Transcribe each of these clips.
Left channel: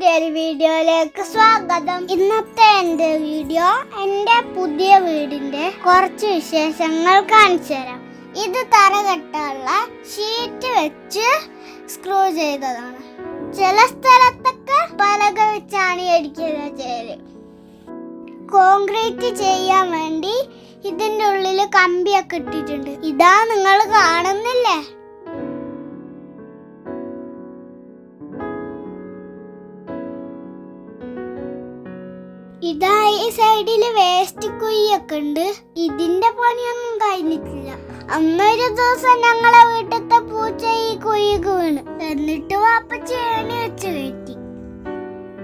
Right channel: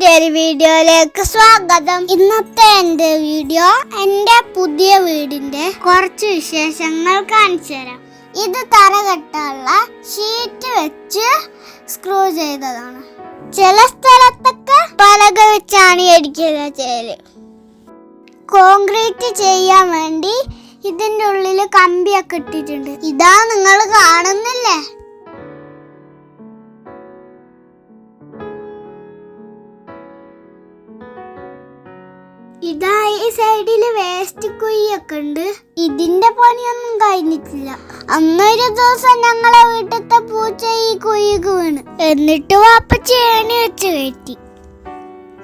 പുതിയൊരു വീഡിയോയിലേക്ക് സ്വാഗതം. ഇന്നത്തെ എന്റെ വീഡിയോ എന്റെ പുതിയ വീടിന്റെ കുറച്ച് വിശേഷങ്ങൾ കാണിച്ചു തരാം. ഇത് തറകെട്ടുള്ള ഷീറ്റ് വെച്ച് സ്ക്രൂ ചെയ്തതാണ്. ചില സ്ഥലത്തൊക്കെ പലക വെച്ചാണ് അടിക്കുക ചെയ്യൽ. കോൺക്രീറ്റ് ചെയ്യാൻ വേണ്ടി ഇതിന്റെ ഉള്ളിൽ കമ്പിയൊക്കെ ഇട്ടിട്ടുണ്ട്. ഇതാ നിങ്ങൾ കാണുന്നില്ലേ? ഇതാ ഈ സൈഡിൽ വേസ്റ്റ് കുഴിയൊക്കെ ഉണ്ട്. ഇതിന്റെ പണിയൊന്നും കഴിഞ്ഞിട്ടില്ല. അന്നൊരു ദിവസം ഞങ്ങളെ വീട്ടിലത്തെ പൂച്ച ഈ കുഴിക്ക് വീണ്. എന്നിട്ട് വാപ്പ ചേണി വെച്ച് കയറ്റി.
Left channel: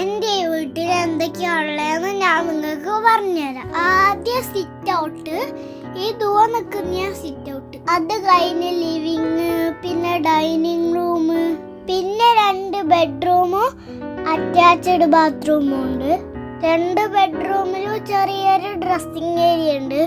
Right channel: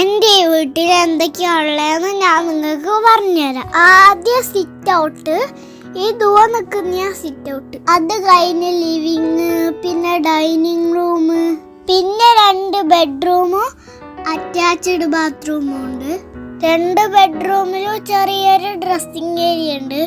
എന്റെ വീട്ടിൽ എന്തൊക്കെയാ ഉള്ളതെന്ന് ഞാൻ നിങ്ങൾക്ക് പറഞ്ഞുതരാം. ആദ്യം സിറ്റ് ഔട്ട് ഈ ദൂരെ നിൽക്കുന്ന സിറ്റ് ഔട്ട് അത് കഴിഞ്ഞ് ലിവിങ് പിന്നെ ഡൈനിങ് റൂം പിന്നെ രണ്ട് ബെഡ്റൂമും അറ്റാച്ച്ഡ് ബാത്റൂമും ഉണ്ട്. രണ്ട് ബെഡ്റൂമിലും ചെറിയൊരു ഡ്രസ്സിംഗ് ഏരിയ ഉണ്ട്.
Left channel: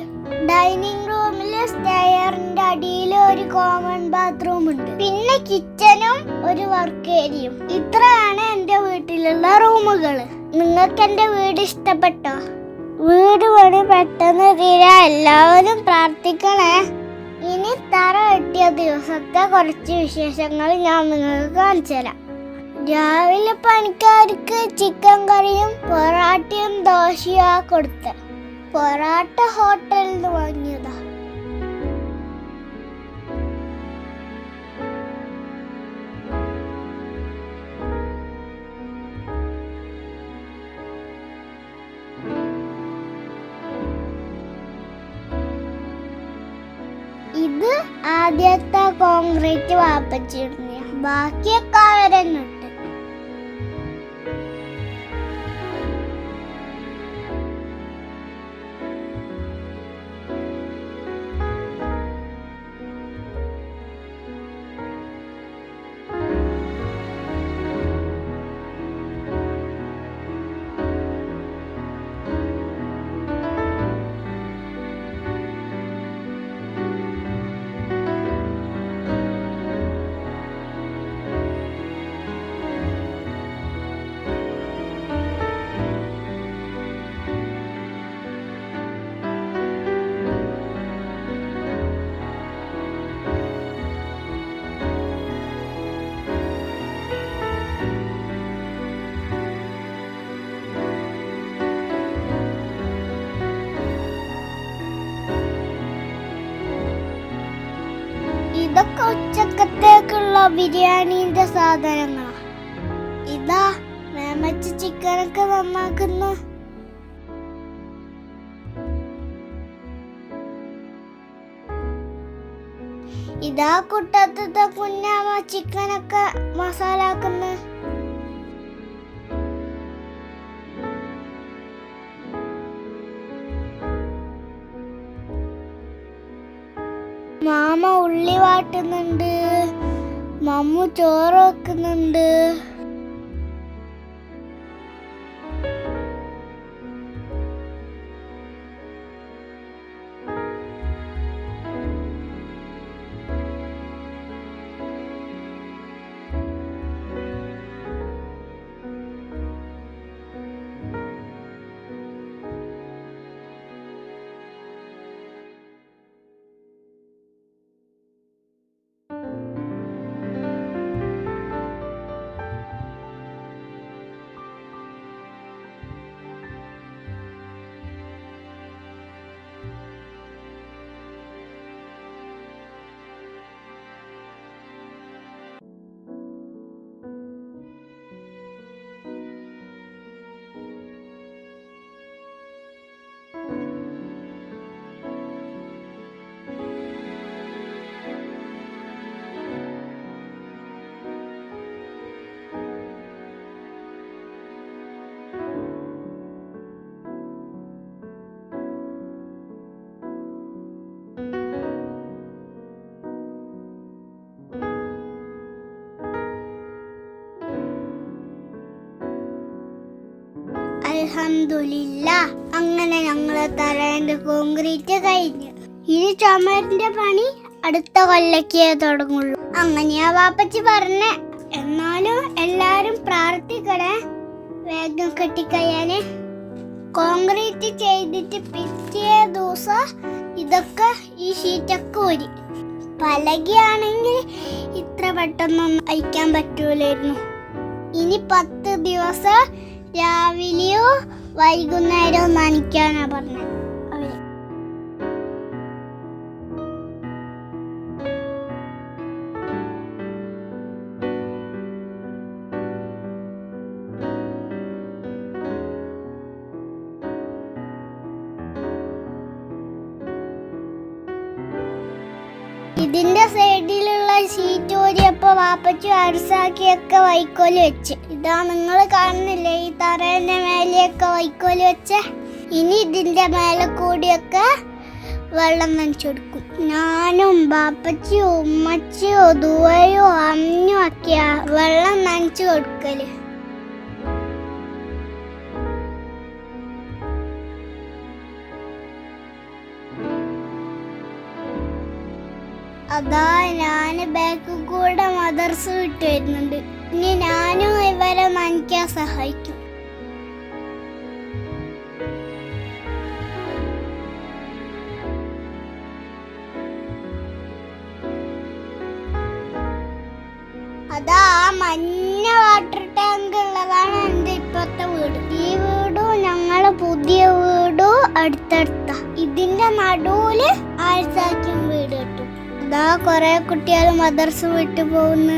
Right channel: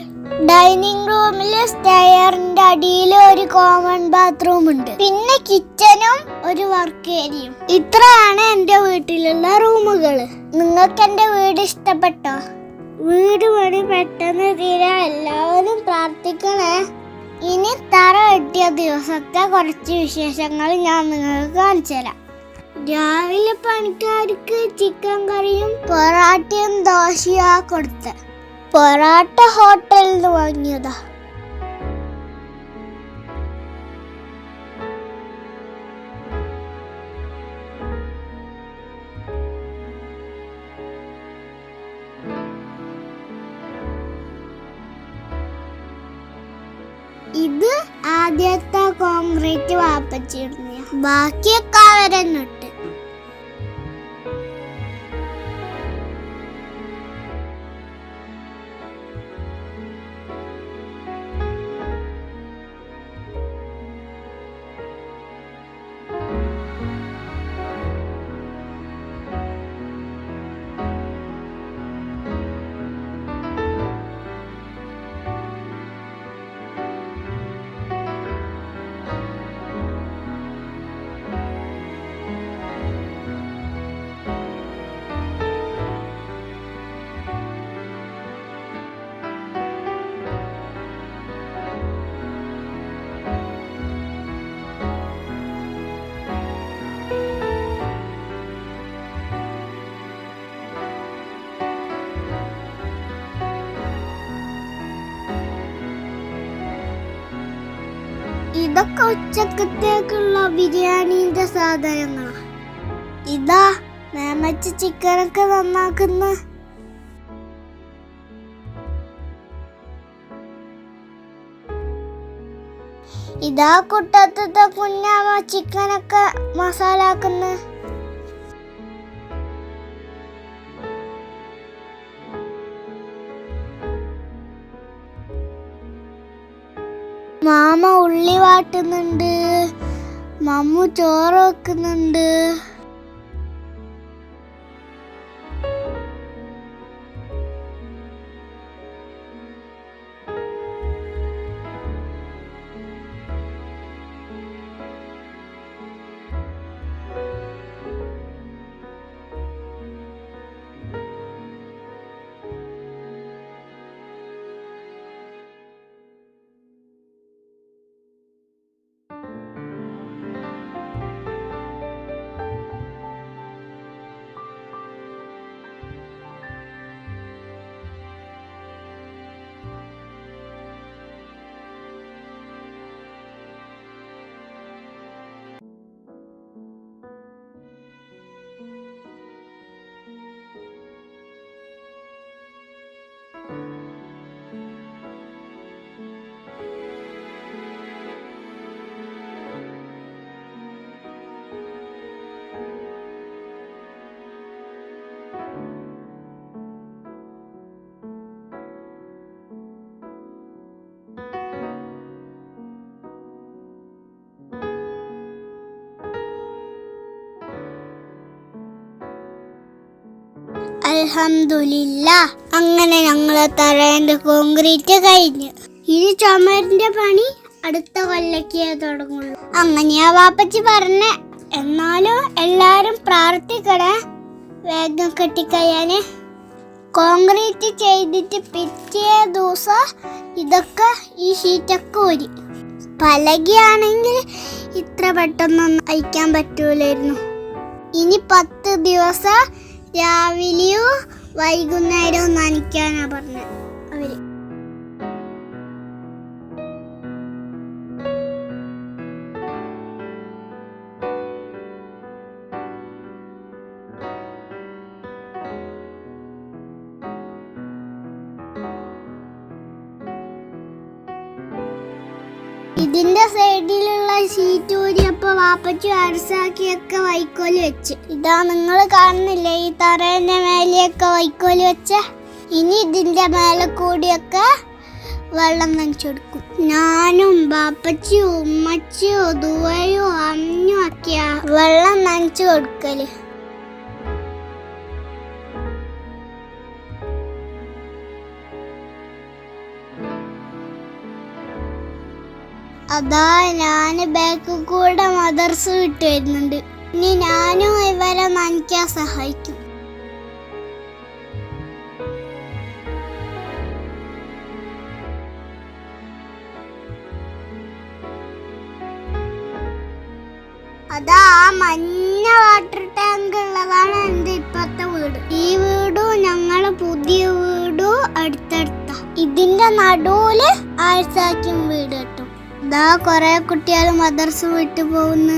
ഡൈനിങ് റൂമിൽ സ്റ്റെയറിന്റെ അടിയിൽ ഒരു കോമൺ ബാത്റൂം ഉണ്ട്. പിന്നെ കിച്ചനും ഒരു വർക്ക് ഏരിയയും ഇത്രയാണ് എന്റെ വീട്ടിലുള്ള റൂമുകൾ നിങ്ങൾക്ക് എന്റെ വീട് ഇഷ്ടപ്പെട്ടോ? വീട് പണി പെട്ടെന്ന് തീരാ. എല്ലാവരും പ്രാർത്ഥിക്കണേ. ഇനി തറ കിട്ടിയ ദിവസത്തെ കുറച്ച് വിശേഷങ്ങൾ ഞാൻ നിങ്ങൾക്ക് കാണിച്ചു തരാം രാവിലെ പണിക്കാർക്ക് ചിക്കൻ കറിയും പൊറാട്ടയും ദോശയാ കൊടുത്ത. പൊറാട്ട ഹോട്ടലിൽ നിന്ന് വാങ്ങിയതാ. ഇത് ആദ്യത്തെ കോൺക്രീറ്റ് വാപ്പച്ചിരുന്ന ബാക്കിയൊക്കെ അവരെന്നെ ഇതൊക്കെ ഉച്ചക്കത്തേക്കുള്ള ബിരിയാണിന്റെ സാധനങ്ങളാ. ഇതാ മേമച്ച് ചിക്കനൊക്കെ നന്നാക്കുന്ന. ഇതാ കുട്ടത്തത്തെ കുഞ്ഞാമ ചിക്കനൊക്കെ മസാല മാമ ഉള്ളി വാട്ടുന്നുണ്ട്. മമ്മു ചോറ് വെക്കുന്നുണ്ട്. അൽഹംദുലില്ല. അങ്ങനെ ഞങ്ങളെ തറയേണ്ട കോൺക്രീറ്റ് കഴിഞ്ഞു. ഇനി ചുമരിന്റെ പണി അടുത്ത കൊല്ലക്കേ തുടങ്ങുള്ളൂ. അങ്ങനെയാ വാപ്പച്ചി പറഞ്ഞ. എന്നാലും എല്ലാരും പ്രാർത്ഥിക്കണേ. വേഗം കെട്ടിക്കഴിയാന്. കോൺക്രീറ്റ് ചെയ്തിട്ട് പിറ്റേ ദിവസം ഇതൊക്കെ ഈ ഷീറ്റൊക്കെ ഊരി. പലകയാണെങ്കിൽ ഇത്ര പെട്ടെന്നൊന്നും അയക്കാൻ പറ്റൂലായിരുന്നു. ഇനി പത്ത് ദിവസം രാവിലെയോ വൈകുന്നേരവും നനയ്ക്കാനാ പറഞ്ഞത്. ഇതിന്റെ സൈഡിലുള്ള ഷീറ്റ് ഊരിയപ്പോ വാപ്പച്ചു അരസാക്കിയൊക്കെ വൈക്കോൽ വെച്ച്. ഇതാ നിങ്ങൾ കാണുന്നില്ലേ? ഈ തറേന്റെ മേലെയൊക്കെ വൈക്കോൽ വെച്ച. ഇനി ഇതിന്റെ മേലെ കൂടിയൊക്കെ വെള്ളം നനച്ചു കൊടുക്കും ഞാനും ബാപ്പച്ചിയും ഉമ്മച്ചിയോ ദുവയോ അമ്മയും ഒക്കെയാ വെള്ളം നനച്ചു കൊടുക്കൽ. അതാ ഞാൻ ബാക്ക് കൂടെ മദർസ് വിട്ട് വരുന്നുണ്ട്. ഇനി ഞാനും ഇവരെ നനയ്ക്കാൻ സഹായിക്കും. അതാ ആ മഞ്ഞ വാട്ടർ ടാങ്ക് ഉള്ളതാണ് എന്റെ ഇപ്പത്തെ വീട്. ഈ വീടും ഞങ്ങളെ പുതിയ വീടും അടുത്തടുത്ത. ഇതിന്റെ നടുവിൽ ആഴ്ചാക്കും വീട് കിട്ടും. ഇതാ കൊറേ കുട്ടികൾ മദർസ് വിട്ടു പോകുന്നു.